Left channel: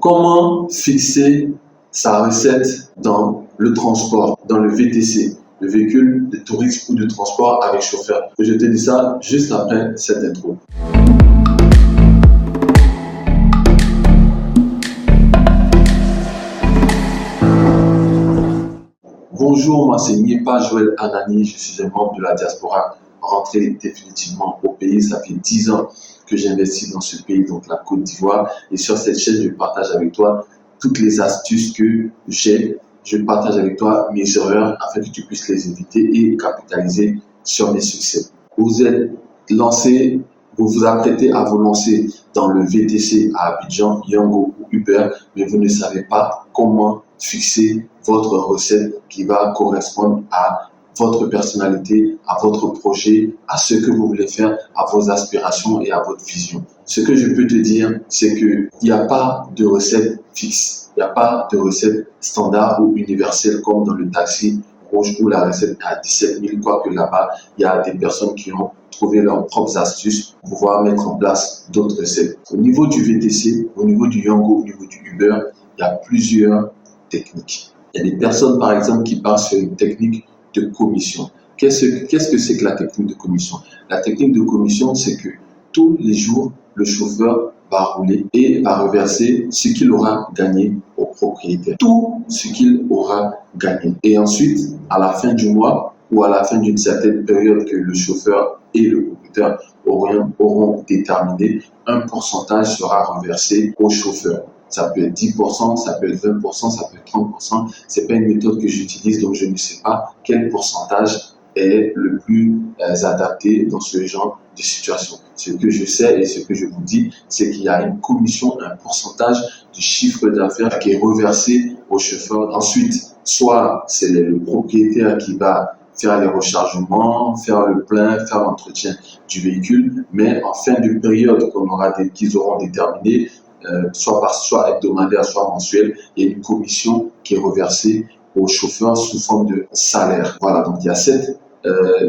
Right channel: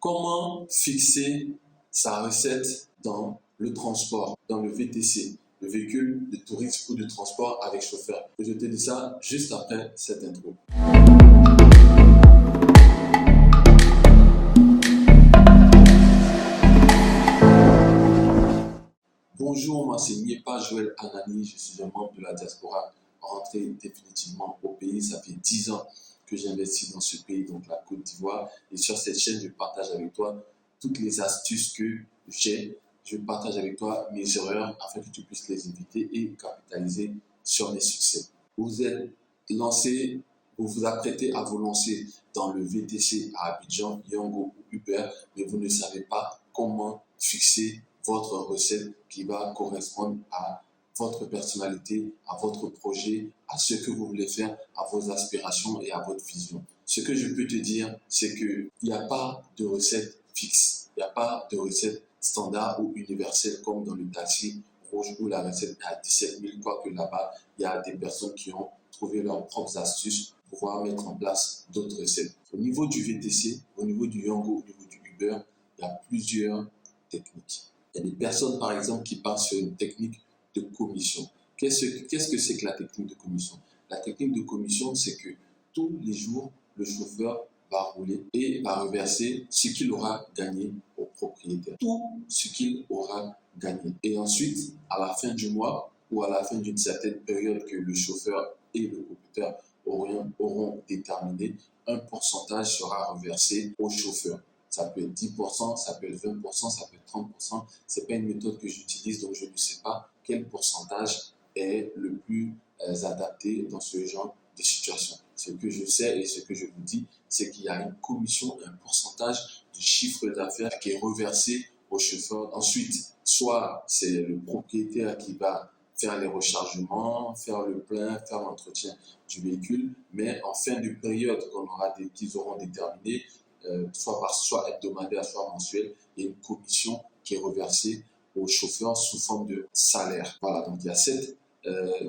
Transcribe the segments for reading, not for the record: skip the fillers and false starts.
Comment fixer sa recette dans le transport, dans le VTC, le véhicule de tourisme ou de transport avec chauffeur? Je te dis ça juste après cette intro. Bonjour, moi c'est Niepa Joël Anani, je suis un membre de la diaspora rentré définitivement au pays. Ça fait 10 ans que j'investis dans ce pays, donc la Côte d'Ivoire. Et sur cette chaîne, je partage avec toi toutes les astuces que j'ai. Je partage avec toi mes erreurs afin que tu puisses les éviter et capitaliser sur mes succès. Vous êtes lancé, vous vous apprêtez à vous lancer dans le VTC à Abidjan, Yango ou Uber, mais vous ne savez pas comment fixer votre recette qui va correspondre à votre personnalité, à votre projet, à ce que vous voulez faire, à vos aspirations et à votre vision. Ce que je peux te dire, c'est qu'il n'y a pas de recette fixe. Il n'y a pas de recette standard ou universelle comme dans le taxi rouge où la recette est à 17 000, quoique là-bas, il y a des personnes qui ont trouvé leurs propres astuces pour pouvoir mettre en place d'autres recettes. Au niveau du VTC, au niveau du Yango, au niveau du Uber, il y a plusieurs techniques. Il y a des personnes, par exemple, qui partent sur une technique de commission. Qu'est-ce que c'est que la technique de commission? La technique de commission, c'est que tous les jours, le chauffeur va rouler et va reverser ce qu'il aura gagné au propriétaire. Tout ce qu'il aura gagné. Et ensuite, à la fin du mois ou à la fin d'une certaine période que le chauffeur et le propriétaire auront déterminé, un pourcentage sera reversé au chauffeur. Ça peut être 10%, ça peut être 20%, ça peut être 30%. Ce n'est pas une méthode que j'utilise, donc je ne sais pas quel pourcentage est le plus adapté dans ce genre de situation. Ce que je sais et ce que je vous dis, c'est qu'il y a une commission, un pourcentage du chiffre d'affaires qui est reversé au chauffeur. Ensuite, soit c'est le propriétaire qui va faire les rechargements, faire le plein, faire l'entretien du véhicule, mais en fin de période qu'ils auront déterminé, soit hebdomadaire, soit mensuel, il y a une commission qui est reversée au chauffeur sous forme de salaire. Voilà, donc il y a cette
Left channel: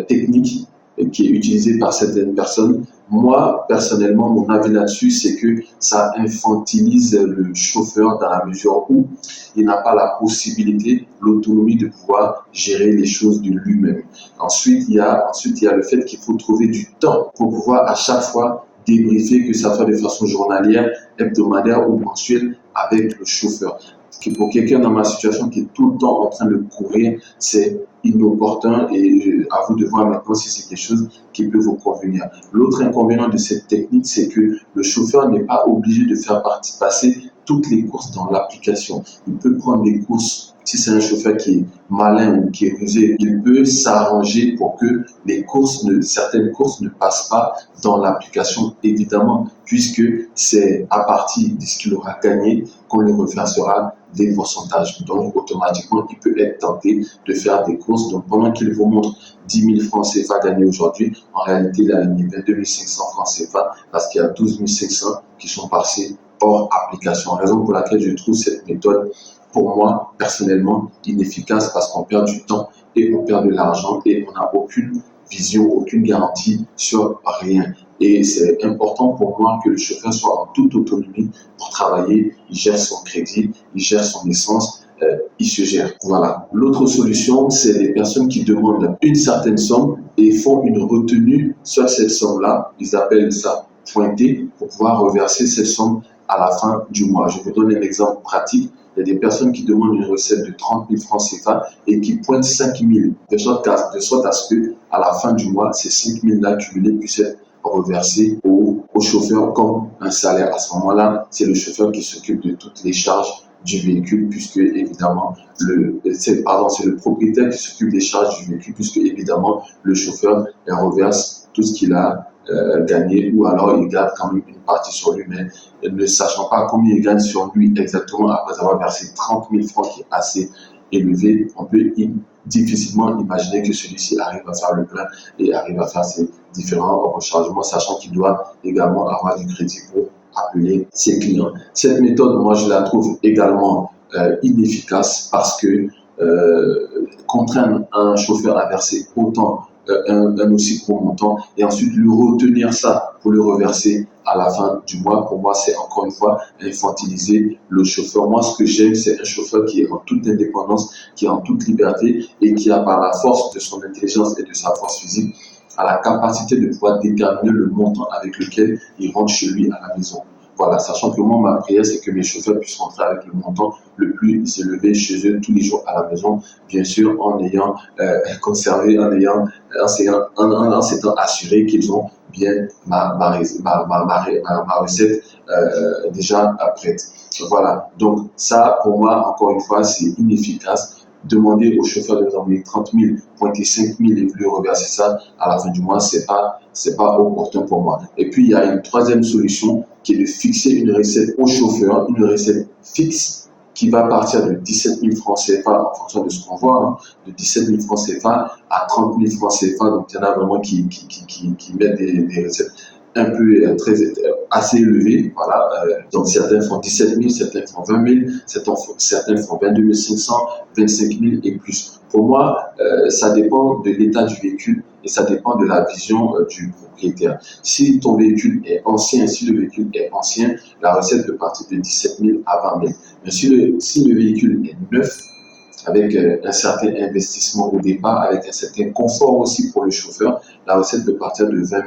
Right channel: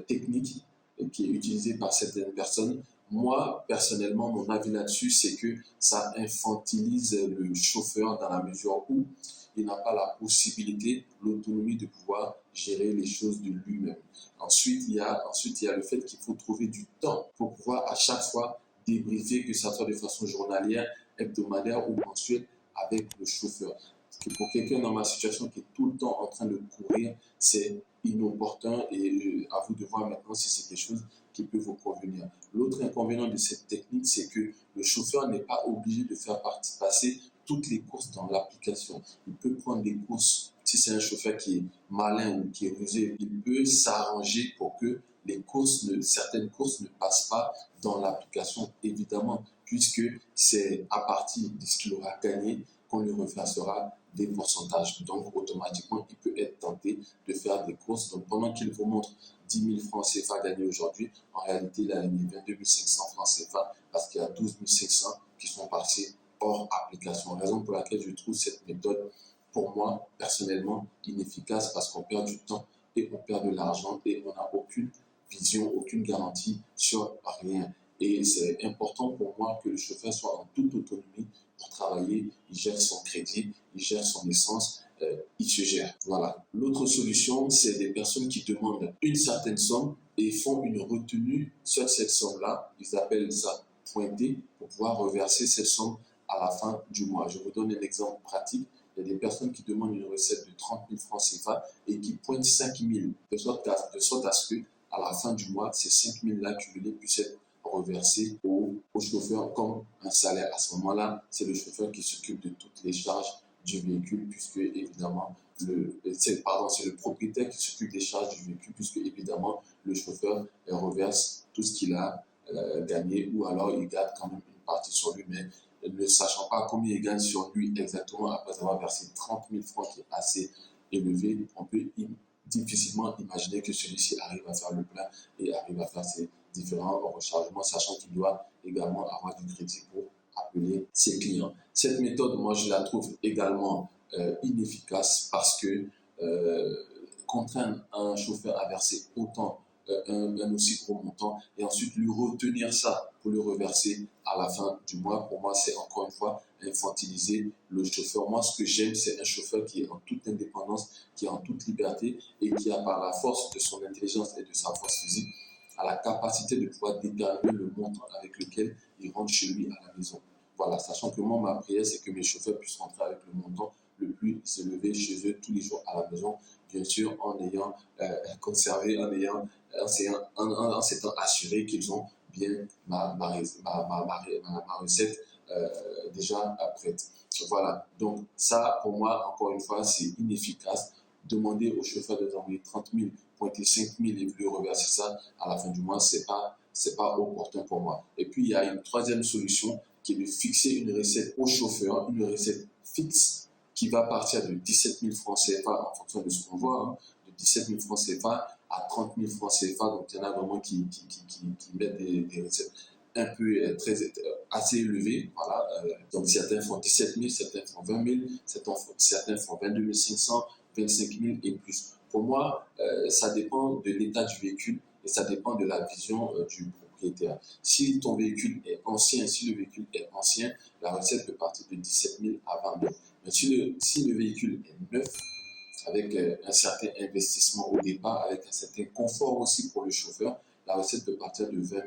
technique qui est utilisée par certaines personnes. Moi, personnellement, mon avis là-dessus, c'est que ça infantilise le chauffeur dans la mesure où il n'a pas la possibilité, l'autonomie de pouvoir gérer les choses de lui-même. Ensuite, il y a le fait qu'il faut trouver du temps pour pouvoir à chaque fois débriefer, que ça soit de façon journalière, hebdomadaire ou mensuelle avec le chauffeur. Pour quelqu'un dans ma situation qui est tout le temps en train de courir, c'est inopportun et à vous de voir maintenant si c'est quelque chose qui peut vous convenir. L'autre inconvénient de cette technique, c'est que le chauffeur n'est pas obligé de faire passer toutes les courses dans l'application. Il peut prendre des courses. Si c'est un chauffeur qui est malin ou qui est rusé, il peut s'arranger pour que certaines courses ne passent pas dans l'application, évidemment, puisque c'est à partir de ce qu'il aura gagné qu'on lui reversera des pourcentages. Donc, automatiquement, il peut être tenté de faire des courses. Donc, pendant qu'il vous montre 10 000 francs CFA gagnés aujourd'hui, en réalité, il a gagné 22 500 francs CFA parce qu'il y a 12 500 qui sont passés hors application. Raison pour laquelle je trouve cette méthode, pour moi, personnellement, inefficace parce qu'on perd du temps et on perd de l'argent et on n'a aucune vision, aucune garantie sur rien. Et c'est important pour moi que le chauffeur soit en toute autonomie pour travailler. Il gère son crédit, il gère son essence, il se gère. Voilà. L'autre solution, c'est les personnes qui demandent une certaine somme et font une retenue sur cette somme-là. Ils appellent ça pointer pour pouvoir reverser cette somme à la fin du mois. Je vous donne un exemple pratique. Il y a des personnes qui demandent une recette de 30 000 francs CFA et qui pointent 5 000, de sorte à ce qu'à la fin du mois, ces 5 000-là cumulés puissent être reversés au chauffeur comme un salaire. À ce moment-là, c'est le chauffeur qui s'occupe de toutes les charges du véhicule, puisque évidemment, c'est le propriétaire qui s'occupe des charges du véhicule, puisque évidemment, le chauffeur reverse tout ce qu'il a gagné, ou alors il garde quand même une partie sur lui, mais ne sachant pas combien il gagne sur lui exactement après avoir versé 30 000 francs, qui est assez élevé, on peut difficilement imaginer que celui-ci arrive à faire le plein et arrive à faire ses différents rechargements, sachant qu'il doit également avoir du crédit pour appeler ses clients. Cette méthode, moi, je la trouve également inefficace parce que contraindre un chauffeur à verser autant un aussi gros montant et ensuite lui retenir ça pour le reverser à la fin du mois. Pour moi, c'est encore une fois infantiliser le chauffeur. Moi, ce que j'aime, c'est un chauffeur qui est en toute indépendance, qui est en toute liberté et qui a par la force de son intelligence et de sa force physique, a la capacité de pouvoir déterminer le montant avec lequel il rentre chez lui à la maison. Voilà, sachant que moi, ma prière, c'est que mes chauffeurs puissent rentrer avec le montant le plus élevé chez eux tous les jours à la maison, bien sûr, en ayant conservé, en s'étant assuré qu'ils ont bien ma recette déjà prête. Voilà, donc ça, pour moi, encore une fois, c'est inefficace. Demander au chauffeur de nous envoyer 30 000, pointer 5 000 et vouloir reverser ça à la fin du mois, c'est pas opportun pour moi. Et puis, il y a une troisième solution qui est de fixer une recette au chauffeur, une recette fixe qui va partir de 17 000 francs CFA en fonction de ce qu'on voit, de 17 000 francs CFA à 30 000 francs CFA. Donc, il y en a vraiment qui mettent des recettes un peu assez élevées. Voilà. Donc, certains font 17 000, certains font 20 000, certains font 22 500, 25 000 et plus. Pour moi, ça dépend de l'état du véhicule et ça dépend de la vision du propriétaire. Si ton véhicule est ancien, si le véhicule est ancien, la recette peut partir de 17 000 à 20 000. Mais si le véhicule est neuf, avec un certain investissement au départ, avec un certain confort aussi pour le chauffeur, la recette peut partir de 20 000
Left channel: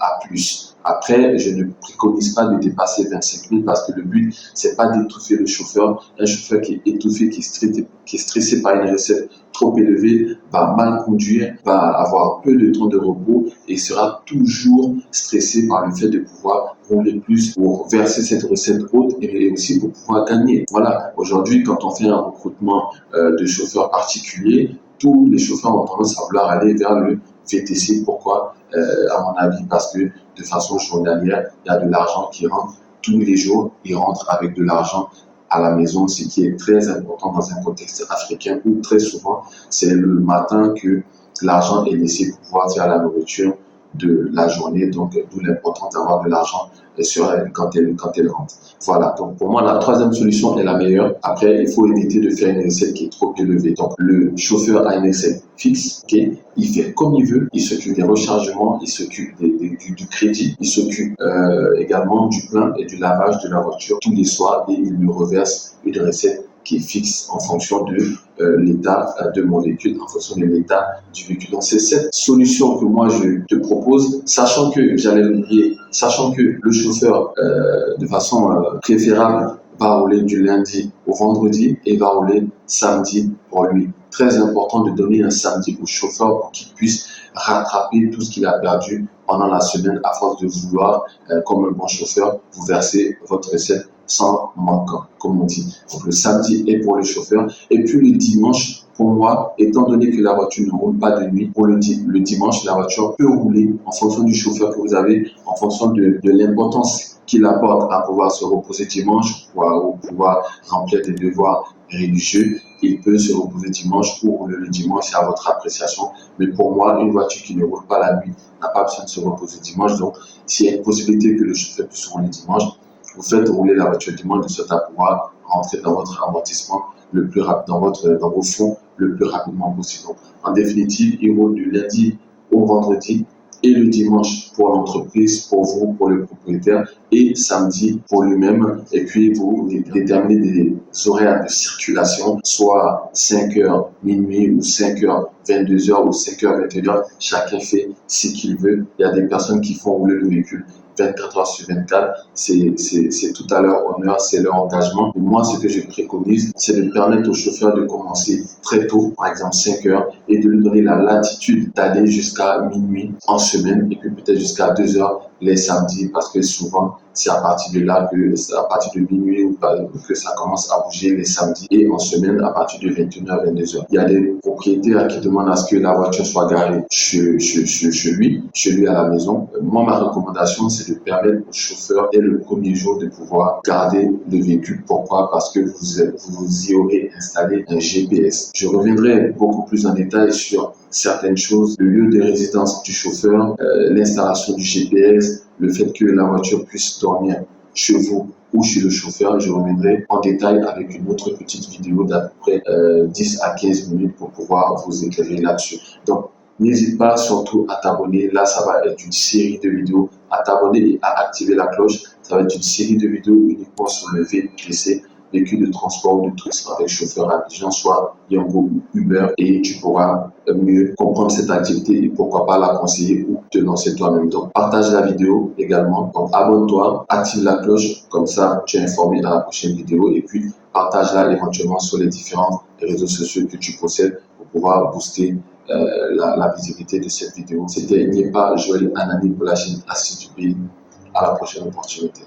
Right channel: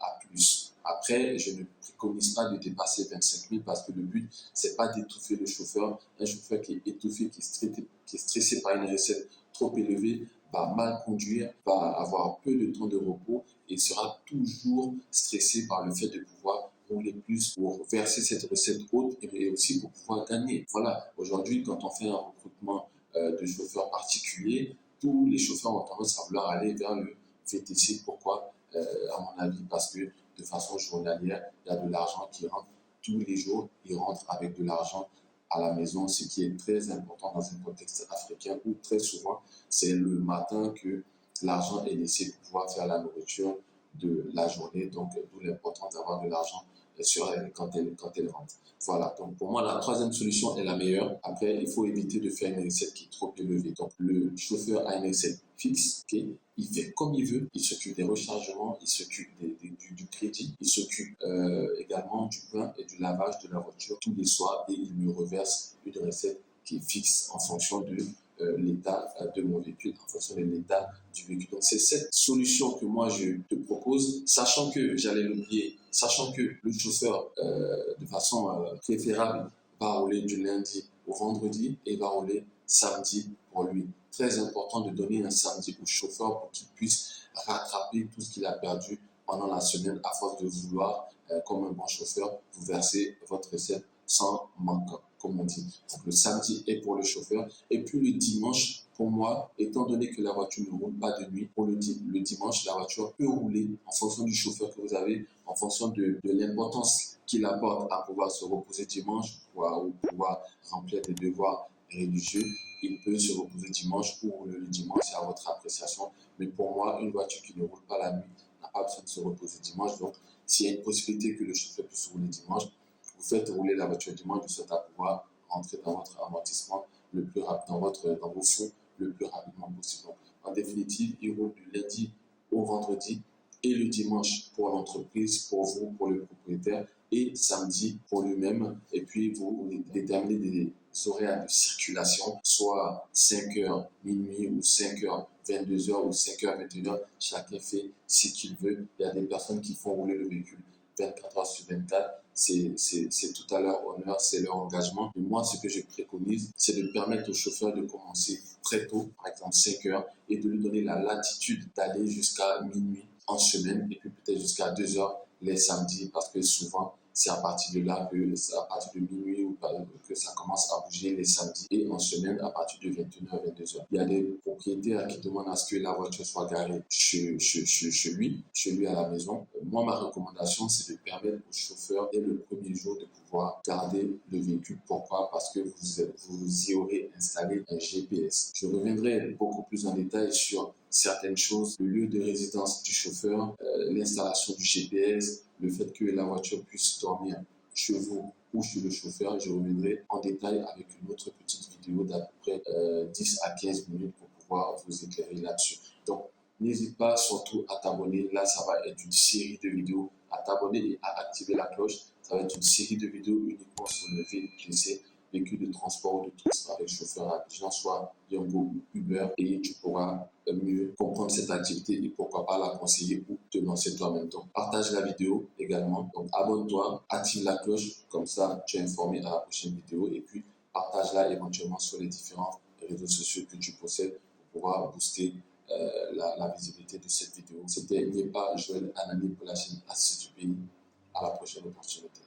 à plus. Après, je ne préconise pas de dépasser 25 000 parce que le but, c'est pas d'étouffer le chauffeur. Un chauffeur qui est étouffé, qui est stressé par une recette trop élevée, va mal conduire, va avoir peu de temps de repos et sera toujours stressé par le fait de pouvoir rouler plus pour verser cette recette haute et aussi pour pouvoir gagner. Voilà, aujourd'hui, quand on fait un recrutement de chauffeurs particuliers, tous les chauffeurs ont tendance à vouloir aller vers le VTC. Pourquoi à mon avis, parce que de façon journalière, il y a de l'argent qui rentre tous les jours. Ils rentrent avec de l'argent à la maison, ce qui est très important dans un contexte africain où très souvent, c'est le matin que l'argent est laissé pour pouvoir faire la nourriture de la journée. Donc, d'où l'importance d'avoir de l'argent sur elle quand elle rentre. Voilà, donc pour moi, la troisième solution est la meilleure. Après, il faut éviter de faire une recette qui est trop élevée. Donc, le chauffeur a une recette fixe, okay? Il fait comme il veut, il s'occupe des rechargements, il s'occupe du crédit, il s'occupe également du plein et du lavage de la voiture tous les soirs et il me reverse une recette qui est fixe en fonction de l'état de mon véhicule, en fonction de l'état du véhicule. Donc, c'est cette solution que moi, je te propose, sachant que, j'allais l'oublier, sachant que le chauffeur, de façon préférable, va rouler du lundi au vendredi et va rouler samedi pour lui. Très important de donner un samedi au chauffeur pour qu'il puisse rattraper tout ce qu'il a perdu pendant la semaine à force de vouloir, comme un bon chauffeur, vous verser votre recette sans manquant, comme on dit. Donc le samedi est pour le chauffeur. Et puis le dimanche, pour moi, étant donné que la voiture ne roule pas de nuit, pour le dimanche, la voiture peut rouler en fonction du chauffeur que vous avez, en fonction de l'importance qu'il apporte à pouvoir se reposer dimanche, ou pouvoir remplir des devoirs religieux. Il peut se reposer dimanche ou rouler le dimanche, c'est à votre appréciation. Mais pour moi, une voiture qui ne roule pas la nuit n'a pas besoin de se reposer dimanche. Donc, s'il y a une possibilité que le chauffeur puisse rouler dimanche, vous faites rouler la voiture dimanche de sorte à pouvoir rentrer dans votre amortissement le plus rapide, dans vos fonds le plus rapidement possible. Donc, en définitive, il roule du lundi au vendredi et le dimanche pour l'entreprise, pour vous, pour le propriétaire, et samedi pour lui-même. Et puis, vous déterminez des horaires de circulation, soit 5h minuit ou 5h 22h ou 5h 21h. Chacun fait ce qu'il veut. Il y a des personnes qui font rouler le véhicule 24 heures sur 24, c'est tout à leur honneur, c'est leur engagement. Et moi, ce que je préconise, c'est de permettre au chauffeur de commencer très tôt, par exemple 5 heures, et de lui donner la latitude d'aller jusqu'à minuit en semaine, et puis peut-être jusqu'à 2 heures les samedis, parce que souvent, c'est à partir de là à partir de minuit que ça commence à bouger les samedis, et en semaine, à partir de 21h, 22h. Il y a des propriétaires qui demandent à ce que la voiture soit garée chez lui à la maison. Moi, ma recommandation, c'est de permettre au chauffeur dès le premier jour de pouvoir garder le véhicule. Pourquoi? Parce que vous y aurez installé un GPS. Je reviendrai beaucoup plus en détail sur certaines choses, le lieu de résidence du chauffeur, l'installation du GPS, le fait que la voiture puisse dormir chez vous ou chez le chauffeur. Je reviendrai en détail avec une autre petite vidéo d'à peu près 10 à 15 minutes pour pouvoir vous éclairer là-dessus. Donc, N'hésite pas surtout à t'abonner. Là, ça va être une série de vidéos. À t'abonner et à activer la cloche. Ça va être une série de vidéos uniquement sur le VTC, véhicule de transport ou de tourisme avec chauffeur intelligent, soit Yango ou Uber, et tu pourras mieux comprendre cette activité et pourquoi pas la conseiller ou te lancer toi-même. Donc, partage la vidéo également. Donc, abonne-toi, active la cloche, comme ça, tu es informé dans la prochaine vidéo, et puis partage-la éventuellement sur les différents réseaux sociaux que tu possèdes pour pouvoir booster la visibilité de cette vidéo. C'était Niepa Joël Anani pour la chaîne Assis du pays. À la prochaine opportunité.